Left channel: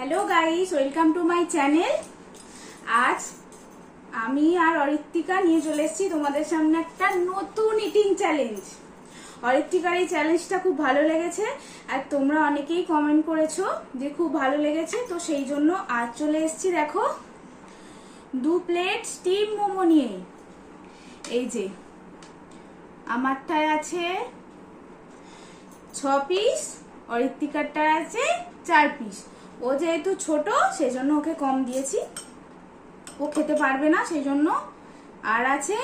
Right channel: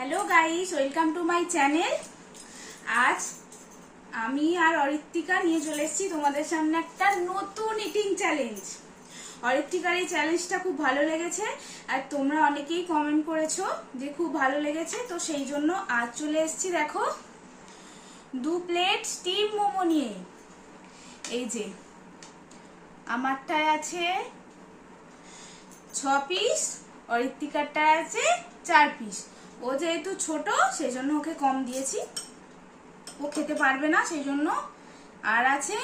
Hello guys, welcome to my channel. আজ আমি আর অরিত্তিকা নিয়ে চলে এসেছি তোমাদের সামনে একটা নতুন ইটিং চ্যালেঞ্জ। অরিত্তিকার এই চ্যালেঞ্জটা খুব ভালো লেগেছে আর তোমরা অনেকেই কমেন্ট করেছো যে খুব ভালো লেগেছে, তো সেই জন্য আজ চলে এসেছি। দেখো, 2 প্লেট স্টিম মোমো নিয়ে। এই যে আমারটায় আছে 6 পিস, অরিত্তিকারটায় আছে 4 পিস। ও যেহেতু ছোট সেই জন্য ওকে কম দিয়েছি, ও খেতে পারবে না সেই জন্য। আর আছে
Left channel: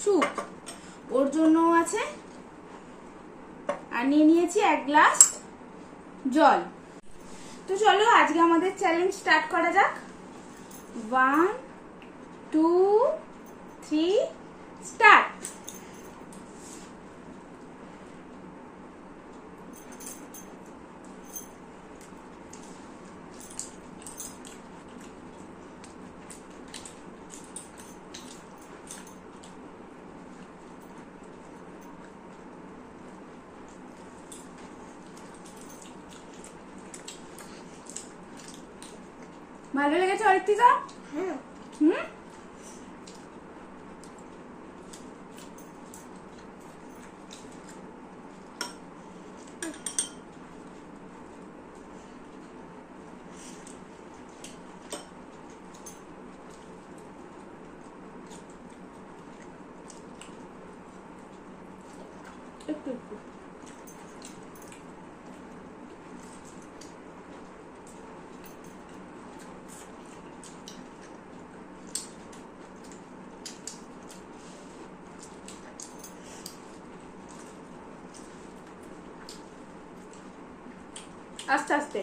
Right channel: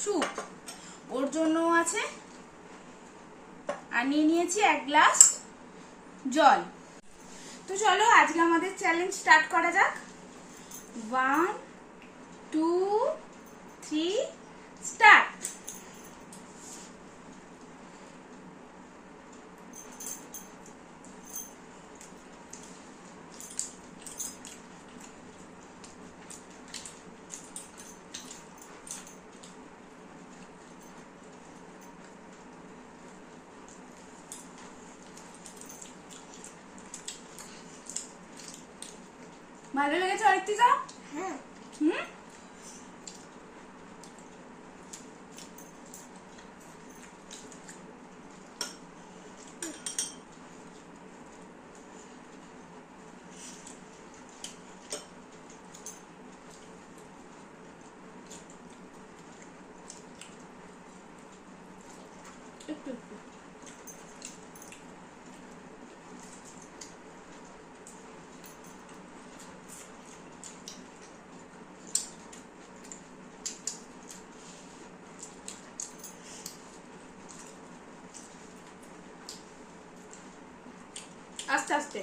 স্যুপ, ওর জন্য আছে। আর নিয়ে নিয়েছি 1 গ্লাস জল। তো চলো আজকে আমাদের চ্যালেঞ্জ স্টার্ট করা যাক। 1 2 3 স্টার্ট। ভালো লেগেছে অরিত্তিকা? হ্যাঁ। একটু একটু আস্তে আস্তে,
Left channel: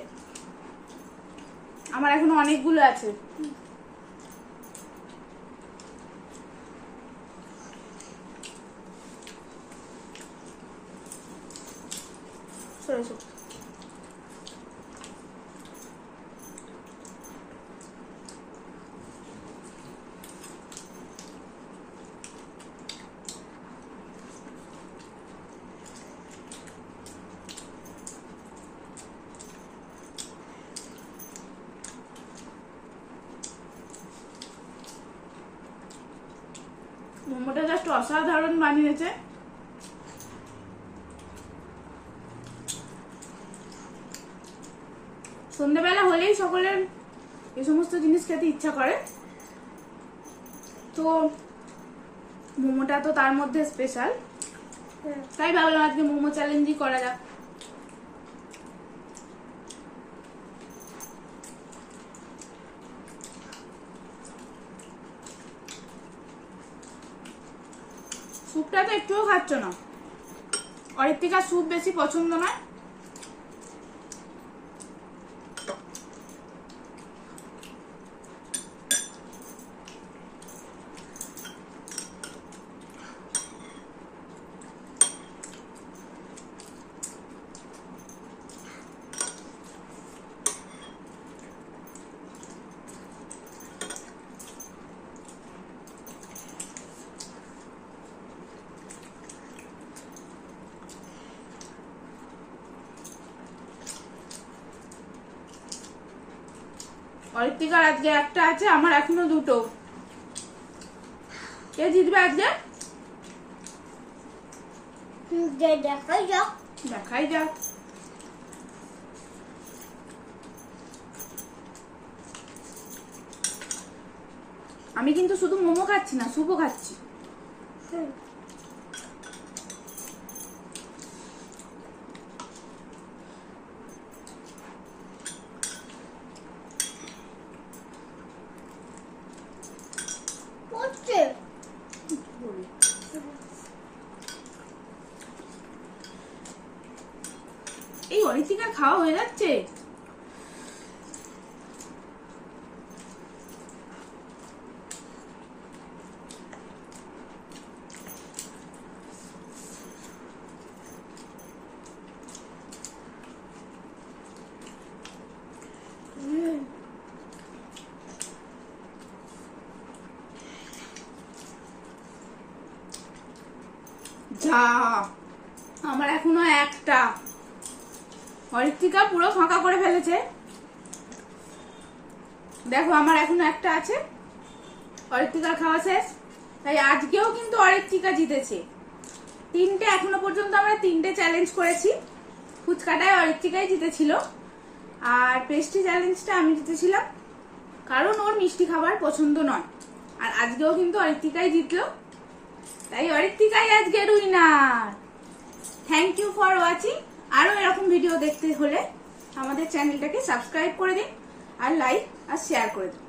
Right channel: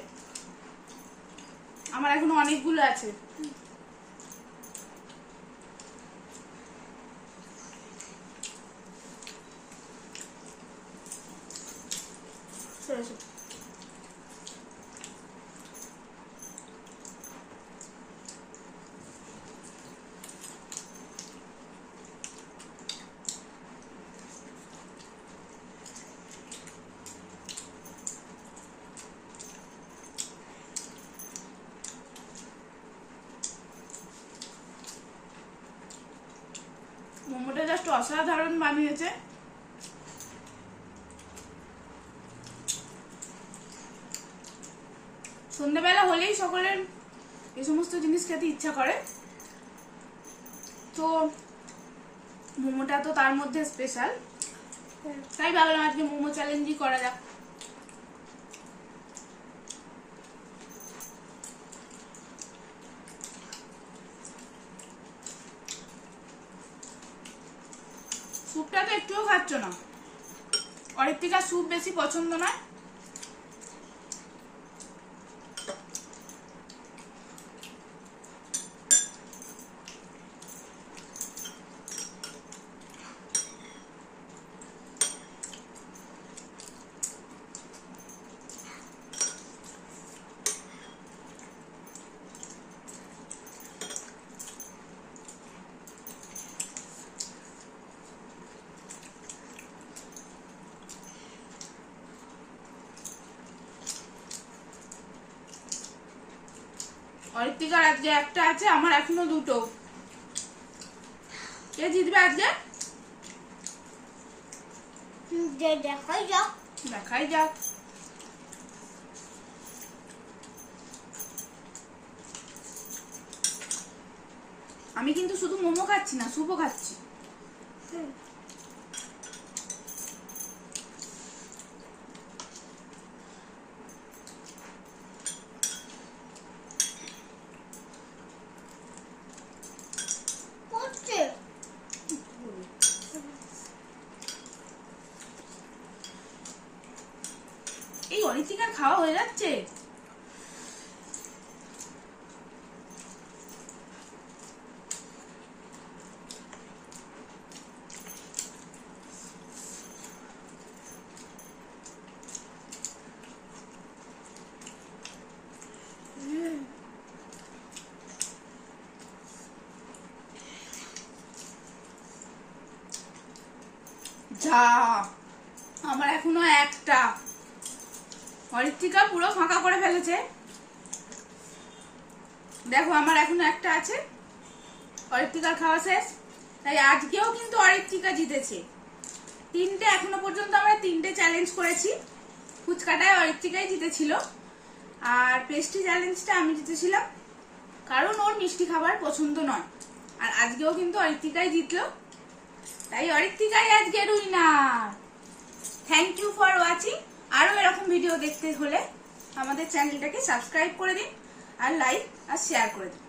আমার এখনো অনেকগুলো আছে। সরে মোমোটা জাস্ট অসাধারণ বানিয়েছে। সন্ধ্যাবেলা হলেই সকলের এই সমস্ত জিনিস খেতে ইচ্ছা করে, তো মোমোটা তো তার মধ্যে স্পেশাল, তাই ভাবলাম আজকে মোমো চ্যালেঞ্জই করা যাক। স্যুপটা তো একটুও খাচ্ছ না, অরিত্তিকা স্যুপ বেশি পছন্দ না। অরিত্তিকার আজকে একটা আছে, আমার এখনো 2টো। কে জিতবে আজকে? দেখাই যাক। দেখাই যাক। আমি কিন্তু শুধু মোমো খাচ্ছি না, স্যুপও খাচ্ছি। এই অরিত্তিকার খাওয়া হয়ে যাচ্ছে। যা, আমার এখনো একটা। অরিত্তিকা পুরো ফাঁকা করে ফেলেছে। দেখো আমার এখনো একটা আছে। অরিত্রিকার খাওয়া শেষ, তাই আজকেও কিন্তু অরিত্রিকা জিতেছে। তিনটে এখনো পর্যন্ত আমরা তিনটে চ্যালেঞ্জ করেছি। ফুচকাটায় অরিত্রিকাই জিতেছিল, আর পেস্ট্রি চ্যালেঞ্জটা আমি জিতেছিলাম, কারণ ওর মিষ্টি খাবার পছন্দ নয়। আর আজকেও কিন্তু অরিত্রিকাই জিতলো, তাই অরিত্রিকাই আজকের winner. Thank you for watching. আরো এরকম ভিডিও দেখতে হলে আমাদের চ্যানেলটাকে সাবস্ক্রাইব করে দিন, আর লাইক আর শেয়ার করে দিন।